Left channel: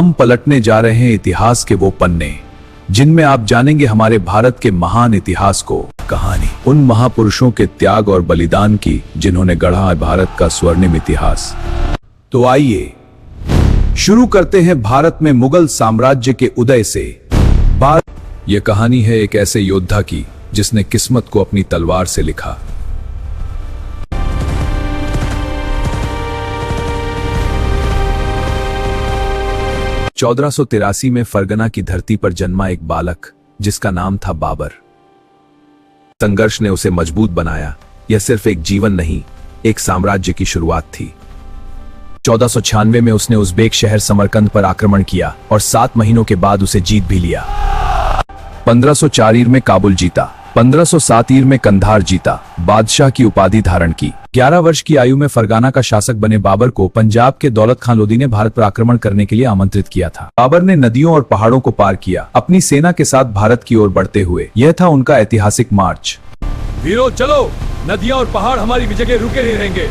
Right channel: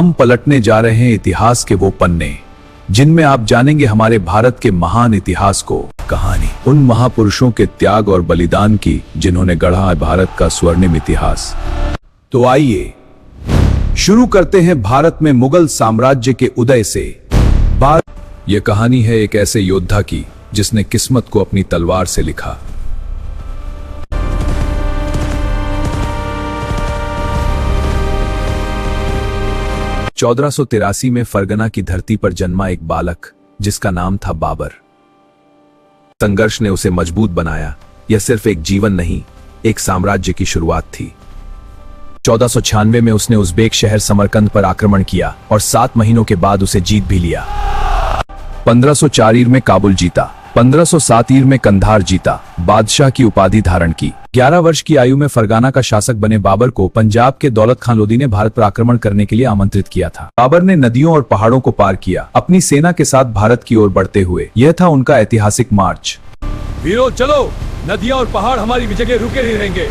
हम पलटने जा रहे हैं इतिहास के वो पन्ने जिनमें आप जानेंगे हमारे भारत के महान इतिहास को। कहानी उन महापुरुषों के त्याग और बलिदान की जिन्होंने गढ़ा है भारत का स्वर्णिम इतिहास। तो आइए शुरू करते हैं भारत में मुगल साम्राज्य के उदय से। यह कहानी है एक ऐसे योद्धा की जिसने किस्मत को अपनी तलवार से लिखा। चौदह में फरगना की धरती पर जन्मा एक बालक जिसका नाम था बाबर। संघर्ष ने उसे मजबूत बनाया। यह सिर्फ एक जीवन नहीं, एक साम्राज्य की शुरुआत थी। 1496 में उसने उज़्बेक शहर समरकंद पर आक्रमण किया और 7 महीनों के बाद उसे जीत भी लिया। 1504 ईर में काबुल जीता, 1507 ईर में कंधार जीता, बादशाह की उपाधि धारण की। 11 वर्ष की आयु में फरगाना का शासक बने बाबर को पंजाब के दौलत खान लोदी ने भारत पर आक्रमण करने के लिए आमंत्रित किया था। बाबर ने नदियों और पहाड़ों को पार किया, अपनी सेना के साथ भारत की ओर बढ़ते हुए। यह था उनका ऐतिहासिक मार्च। वीरों चलो, नदियां और पहाड़ हमारी विजय के रुके नहीं रहेंगे।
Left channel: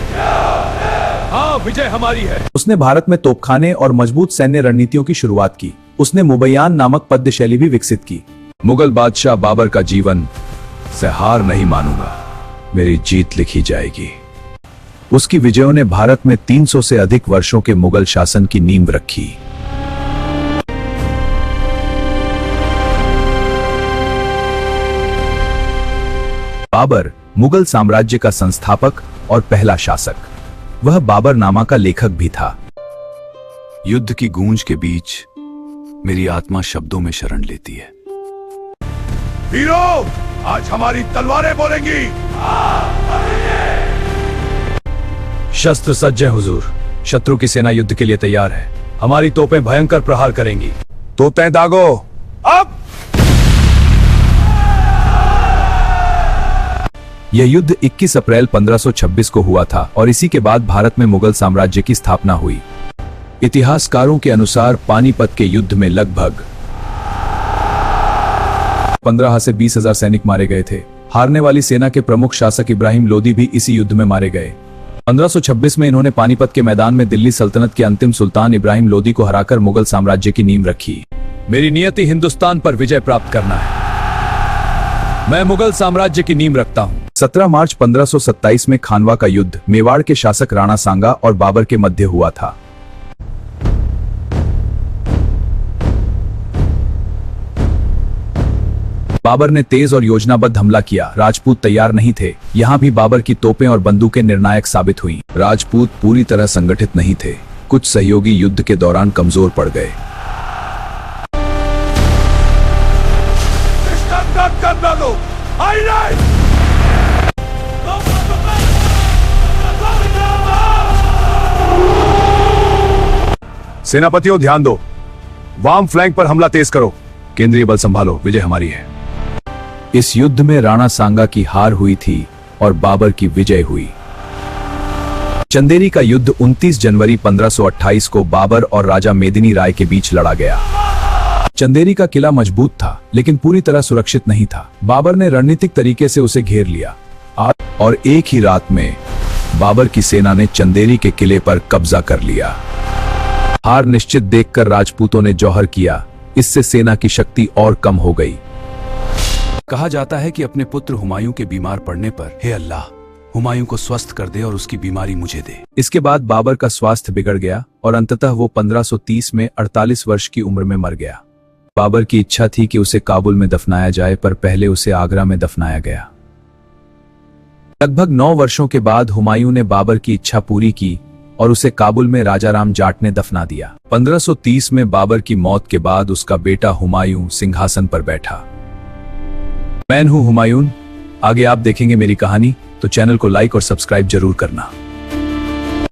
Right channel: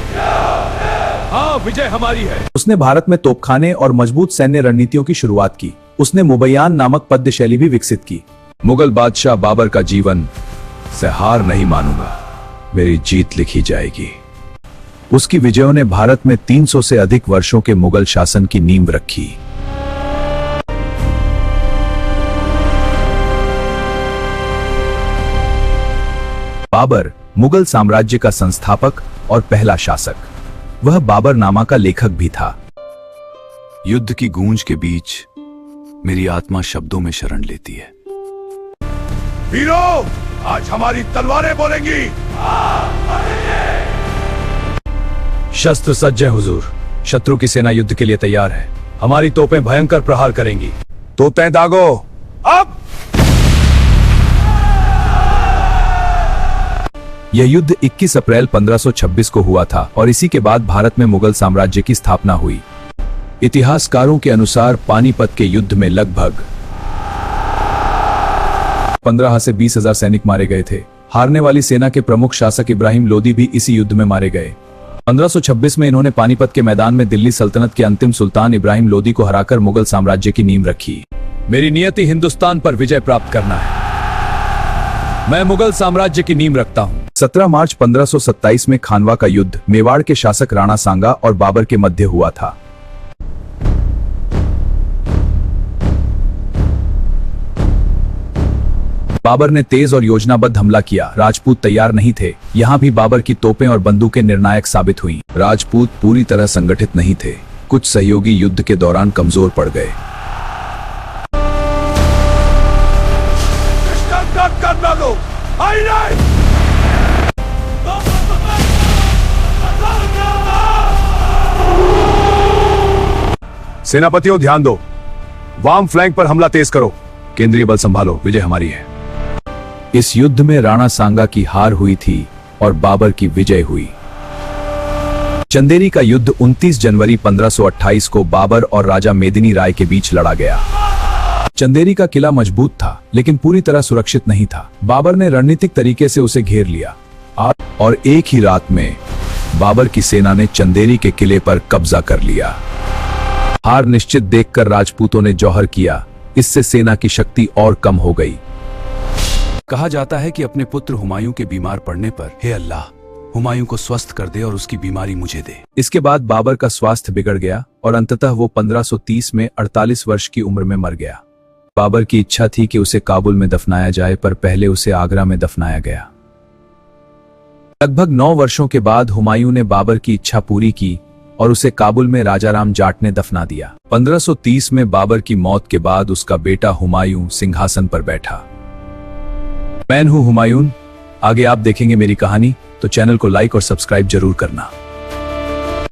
हाँ, विजय हमारी है। उसने भारत में तोपखाने और मजबूत सैन्य रणनीतियों की शुरुआत की। उसने मुबैयान नामक पद्य शैली भी विकसित की। मुगल बादशाह बाबर का जीवन से हार नहीं मानूंगा, मेरी जीत लिखी जाएगी। उसकी विजयों ने भारत में 300 से अधिक वर्षों के मुगल शासन की नींव रखी। बाबर मुगल साम्राज्य का संस्थापक और पहला शासक। वह बाबरनामा का लेखक भी था। युद्ध की गूंज के बीच मेरी आत्मा शब्दों में शरण लेती है। वीरों, आज हमारी तलवारें बोलेगी। शस्त्र सज्ज है हुजूर। शत्रु की सेना युद्ध के लिए तैयार है। हमारी तोपें भयंकर प्रहार करेंगी। तोपें दागो अब। यह युद्ध 21 अप्रैल 1526 को हुआ था और इसी के बाद भारत में मुगल साम्राज्य की स्थापना हुई। इतिहासकारों के अनुसार पानीपत के युद्ध में लगभग 15 से 20,000 सैनिक मारे गए थे। हारने वाली सेना के प्रमुख शासक इब्राहिम लोदी भी इसी युद्ध में मारे गए। 1526 में इन्होंने पानीपत के मैदान में दिल्ली सल्तनत के अंतिम सुल्तान इब्राहिम लोदी को हराकर मुगल साम्राज्य की नींव रखी। मेरी नियति हिंदुस्तान पर विजय प्राप्त करना है। मैं मुगल साम्राज्य की नींव रखता हूँ। 17 मार्च 1527 में खानवा का युद्ध मेवाड़ के शासक राणा सांगा और बाबर के मध्य हुआ था। बाबर ने तेज और योजनाबद्ध हमला किया। राजपूत तैयार नहीं थे। यहाँ भी बाबर की तोपें और बंदूकें निर्णायक साबित हुईं। राजपूत पूरी तरह संगठित नहीं थे। कुछ सहयोगी युद्ध के दौरान कमजोर पड़ गए। सेनापतियों ध्यान दो, वाम फ्लैंक पर हमला तेज करो। केंद्रीय बल संभालो, विजय हमारी है। इस युद्ध में राणा सांगा की हार हुई थी और बाबर की विजय हुई। चंदेरी का युद्ध 29 जनवरी 1528 को बाबर और राजा मेदिनी राय के बीच लड़ा गया। चंदेरी का किला मजबूत था लेकिन पूरी तरह सुरक्षित नहीं था। बाबर ने रणनीतिक तरीके से उसे घेर लिया और एक ही रात में बाबर की सेना ने चंदेरी के किले पर कब्जा कर लिया। हार निश्चित देखकर राजपूतों ने जौहर किया। इससे सेना की शक्ति और कम हो गई। कहा जाता है कि अपने पुत्र हुमायूं के बीमार पड़ने पर, हे अल्लाह, हुमायूं को स्वस्थ कर दे और उसकी बीमारी मुझे दे। इसके बाद बाबर का स्वास्थ्य बिगड़ गया और अंततः वो 1530 में 48 वर्ष की उम्र में मर गया। बाबर की इच्छा थी कि उसे काबुल में दफनाया जाए, पर पहले उसे आगरा में दफनाया गया। लगभग 9 वर्षों के बाद हुमायूं ने बाबर की इच्छा पूरी की और उसे काबुल में राजा राम जाट ने दफना दिया। 1530 में बाबर की मौत के बाद उसका बेटा हुमायूं सिंहासन पर बैठा। मैं हूं हुमायूं। आगे आप देखेंगे मेरी कहानी, तो चैनल को लाइक और सब्सक्राइब जरूर करना।